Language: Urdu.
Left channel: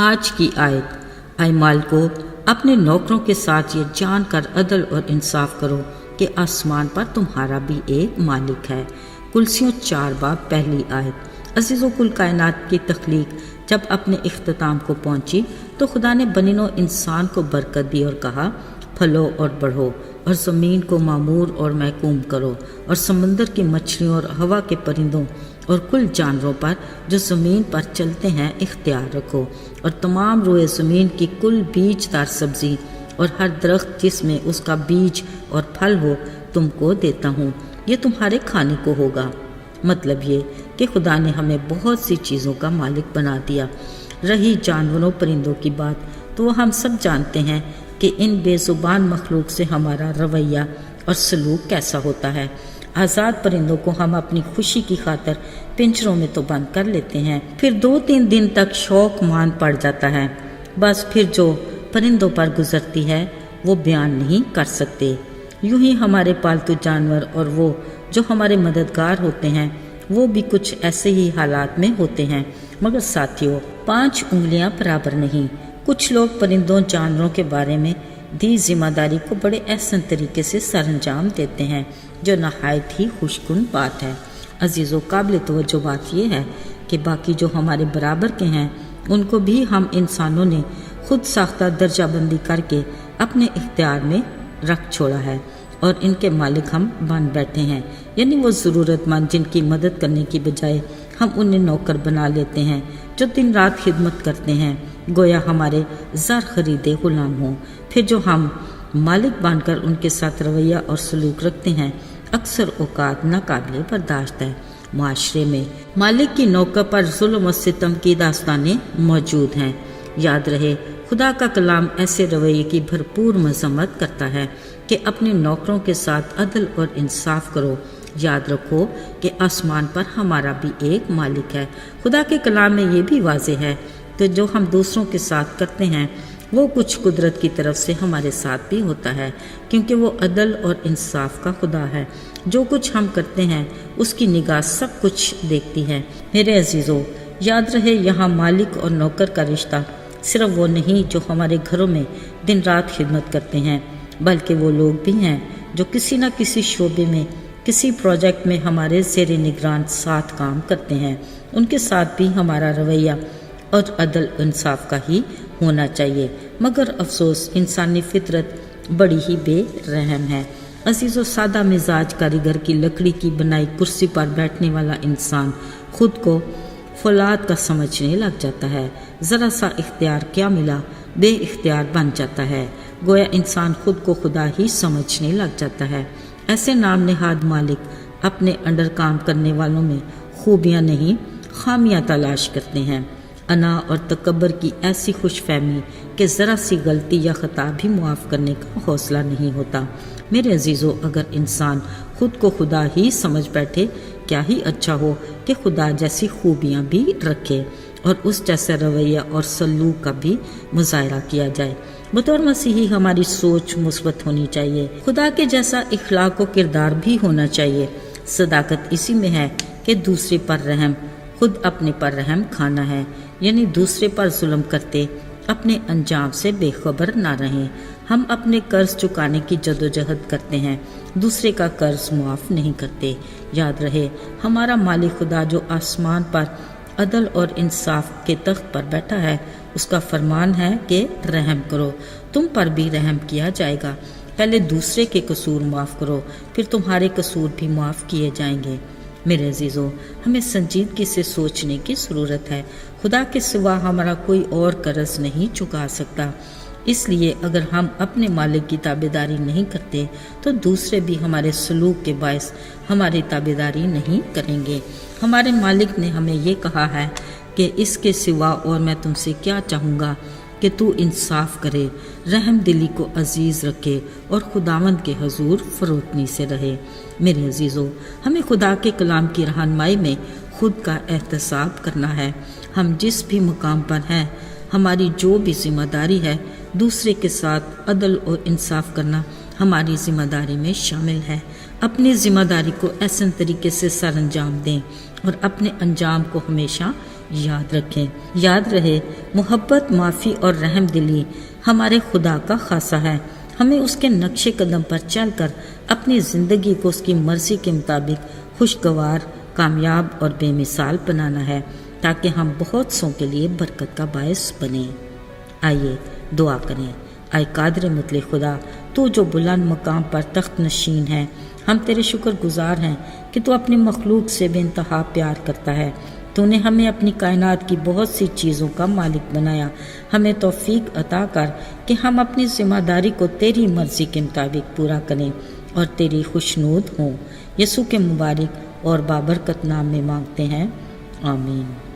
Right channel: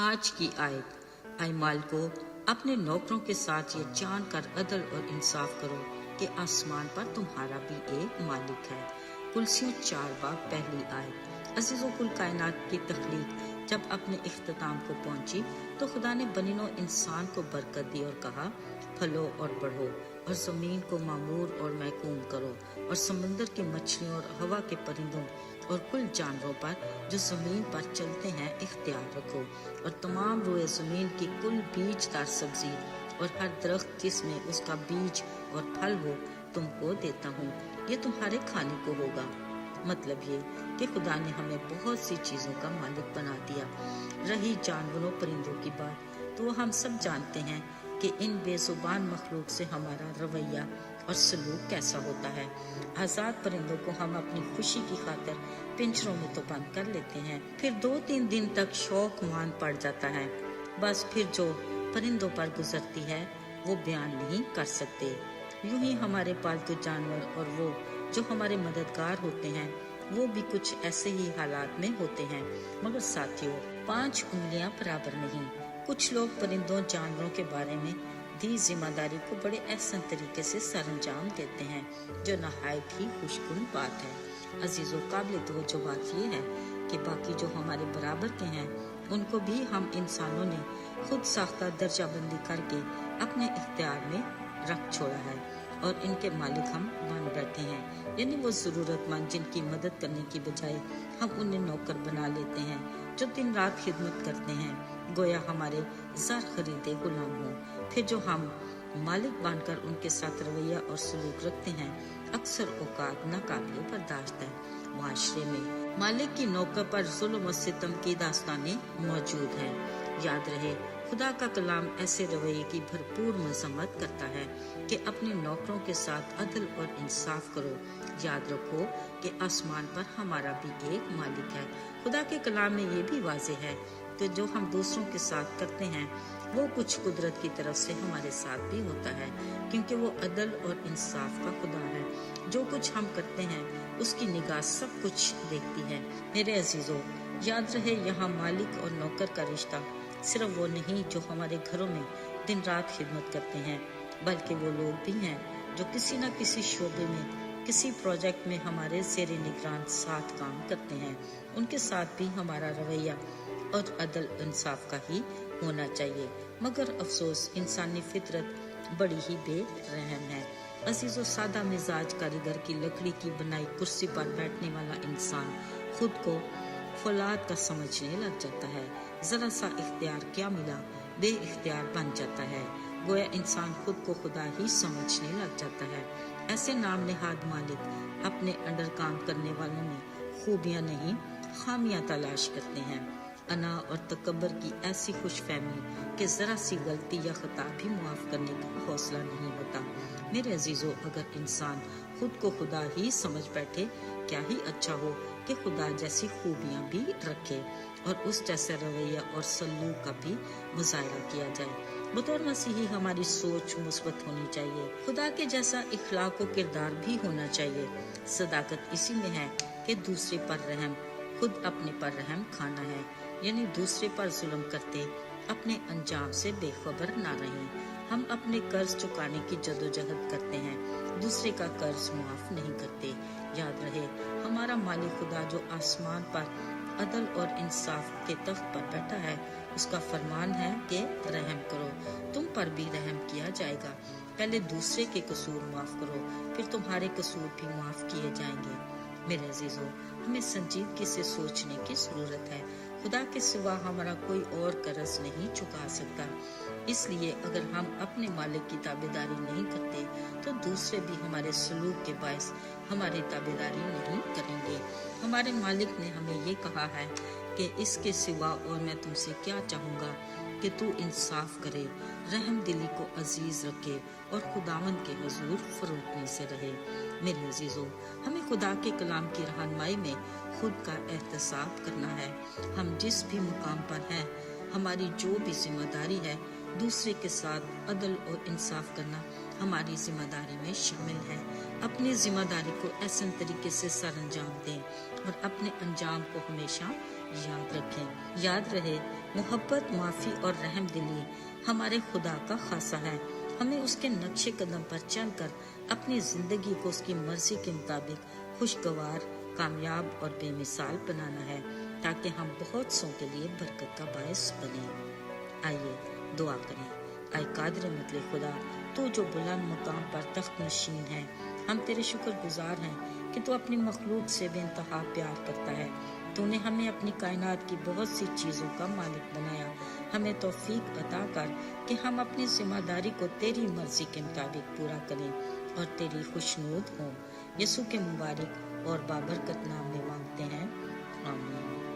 آج کی آیت، اے مالکو اپنے نوکروں کے ساتھ یہ جان کر عدل اور انصاف کرو کہ آسمان پر تمہارا بھی ایک مالک ہے۔ کلسیوں 4 باب پہلی آیت۔ عزیزو، کل کائنات کی تخلیق جب اپنے اختتام کو پہنچی تو خدا نے بنی نوع انسان کو برکت دی اور کہا، پھلو اور بڑھو اور زمین کو معمور اور محکوم کرو، اور سمندر کی مچھلیوں اور ہوا کے پرندوں اور کل جانوروں پر جو زمین پر چلتے ہیں اختیار رکھو، اور تمام روئے زمین کی کل بیج دار سبزی اور ہر درخت جس میں اس کا بیج اور پھل ہو تم کو دیتا ہوں، یہ تمہارے کھانے کو ہوگا۔ مطلب یہ کہ خدا نے ہمیں بہت سی چیزوں کا مالک بنا دیا۔ رہی جانوروں پرندوں کی بات، تو وہ ہم سب جانتے ہیں کہ ان بے زبان مخلوق سے ہمارا رویہ اور سلوک کیسا ہوتا ہے۔ آزاد پرندوں کو ہم اپنی خوشی کی خاطر پنجروں میں تو بند کر لیتے ہیں، پھر 2-3 دن تک شوق مان پڑ جاتا ہے، بس پھر جو پرندوں پر گزرتی ہے وہ بیان نہیں کر سکتے۔ یوں ہی ہمارے پالتو جانور اور وہ جو ہمارے مددگار ہوتے ہیں وہ بھی کچھ ایسے ہی حالات میں ہوتے ہیں، مگر ساتھیوں 5 انگلیاں برابر نہیں۔ کچھ لوگ پرندوں جانوروں کے بارے میں دی ذمہ داری کو بڑے احسن طریقے سے سر انجام دیتے ہیں، جو نہایت ہی خوش کن بات ہے۔ عزیزو، قابل توجہ بات یہ ہے کہ باقی جو ہمارے برابر کے ہیں ان کو بھی ہم انسانوں نے خود ساختہ درجہ بندی کر کے اپنے اختیار میں رکھ چھوڑا ہے، اور ان کے مالک ہم بن بیٹھے ہیں، یعنی وہ ضرورت مند جن کی مدد کرنے کی بجائے ہم انہیں نوکر بنا لیتے ہیں جو دن رات خدمت کرتے ہیں، گویا ہمارے زر خریدے غلام ہوں۔ پھر جو ہم مالک بن کر ان کے ساتھ رویہ اور سلوک رکھتے ہیں اکثر اوقات ناقابل برداشت ہے۔ معاشرے میں مالک کی نوکر پر ظلم و ستم کی داستانیں موجود ہیں۔ یاد رہے، خدا کا کلام ایسے رویے کی بھرپور مذمت کرتا ہے کہ اپنے نوکروں کے ساتھ عدل اور انصاف کرو۔ یاد رکھو کہ آسمان پر ہمارا بھی ایک مالک ہے۔ خدا کے کلام میں یہ بھی واضح ہے کہ جو ہم دوسروں کے ساتھ کرتے ہیں وہ کچھ قدرت کی طرف سے ہمارے ساتھ بھی ہوتا ہے، کیونکہ وہ عدل اور انصاف کا خدا ہے۔ جو کچھ ہم کرتے ہیں اس کی نگاہ سب کچھ دیکھتی ہے۔ میرے عزیزو، یاد رہے یہاں مالک اور نوکر کا رشتہ صرف وہ نہیں جو ہمارے گھروں میں دن رات خدمت کرتے ہیں، بلکہ وہ لوگ بھی ہیں جو کسی نہ کسی شعبے میں کسی پروجیکٹ میں ہمارے زیر نگران ساتھ کام کرتے ہیں۔ ان کے ساتھ بھی ہمارا رویہ اور عدل انصاف کا ہی ہونا چاہیے، مگر افسوس انسانی فطرت بڑی ہی بے رحم ہے۔ عزیزو، سادہ مزاج کاریگر کی لکڑی کی بنائی کرسی پر بیٹھنے والا انسان خود کو فولاد کا سمجھنے لگ جاتا ہے۔ ذرا سا اختیار کیا ملا، بے اختیار بن جاتا ہے، گویا انسان خود کو خدا ہی سمجھنے لگ جاتا ہے۔ ایسے نام نہاد مالک اپنے انڈر کام کرنے والوں میں خوبیاں نہیں خامیاں تلاش کرتے ہیں۔ انا اور تکبر کی ایسی خوش فہمی کہ ذرا سی غلطی یا خطا بھی معاف کرنے کا حوصلہ نہیں ہوتا۔ میرے عزیزو، اگر انسان خود کو خدا ہی سمجھ بیٹھے، کیا ہی اچھا ہو کہ خدا جیسی خوبیاں بھی رکھے اور اس جیسا رویہ اور سلوک کا بھی مظاہرہ کیا جائے۔ بطور مسیحی ہماری سوچ مثبت ہونی چاہیے، خدا کے جیسا اخلاق و کردار بھی ہونا چاہیے۔ صداقت اسی میں ہے کہ دوسرے پر رحم، خود اپنے پر رحم کھانا ہے، یعنی دوسرے پر ظلم کرتے اپنے انجام سے بے خبر نہ رہیں۔ ہم اپنے قرض چکانے کی جدوجہد کرتے ہیں، دوسرے کا قرض معاف نہیں کرتے۔ یاد رہے، ہمارا مالک خدا جو آسمان پر عدل اور انصاف کے تخت پر بیٹھا ہے، اس کا فرمان ہے کہ رحم کرو، تم پر بھی رحم کیا جائے گا۔ پہلے دوسرے کے قصور معاف کرو، پھر تمہارے قصور بھی معاف کیے جائیں گے۔ میرے عزیزو، ہمیں سنجیدگی سے سوچنے کی ضرورت ہے۔ خدا کے سوا ہمارا کوئی اور قرض نہیں چکا سکتا، اس لیے اگر ہم اپنے مالک کی تابعداری نہیں کرتے تو دوسرے بھی ہمارے سلوک کے باعث ہماری تابعداری نہیں کریں گے۔ ہمارے مالک نے ہمیں یہ کہا ہے کہ اس کے سوا اور میں تم سے کیا چاہوں گا کہ تو انصاف کرے، رحم دلی کو عزیز رکھے اور خداوند کے حضور فروتنی سے رہے۔ میرے عزیزو، ہمیں خدا کے کلام کی رہنمائی میں خود کا احتساب کرنا ہے۔ ہم جس بھی مقام پر ہیں ہماری جو بھی ذمہ داری ہے دوسرے کے ساتھ عدل اور انصاف کرنا ہماری ذمہ داری میں شامل ہے۔ اپنی ذمہ داری کو احسن طریقے سے سر انجام دیں اور اپنے انجام کو ہمیشہ یاد رکھیں۔ یاد رہے، محبت، معافی اور رحم دلی ہمارے خدا کا خاصہ ہے۔ ہمیں اس کے نقش قدم پر چل کر اپنی زندگی کو اس کی مرضی کے مطابق خوشگوار، کامیاب اور بے مثال بنانا ہے تاکہ ہم بہت سوں کے لیے برکت کا باعث بنیں۔ آئیے دعا کریں۔ اے قادر مطلق خدا، تو جو بلند مقام پر تخت نشین ہے، ہم تیرے شکر گزار ہیں کہ تو اپنی مخلوق سے بے انتہا پیار کرتا ہے۔ تو نے ہمیں اپنی کائنات کی بہت سی چیزوں کا مالک بنایا۔ ہمیں توفیق عطا کر کہ ہم اپنی ذمہ داری کو تیری مرضی کے مطابق پورا کریں اور تیری خوشنود ہوں۔ یسوع کے مبارک اور بابرکت نام میں مانگتے ہیں، آمین۔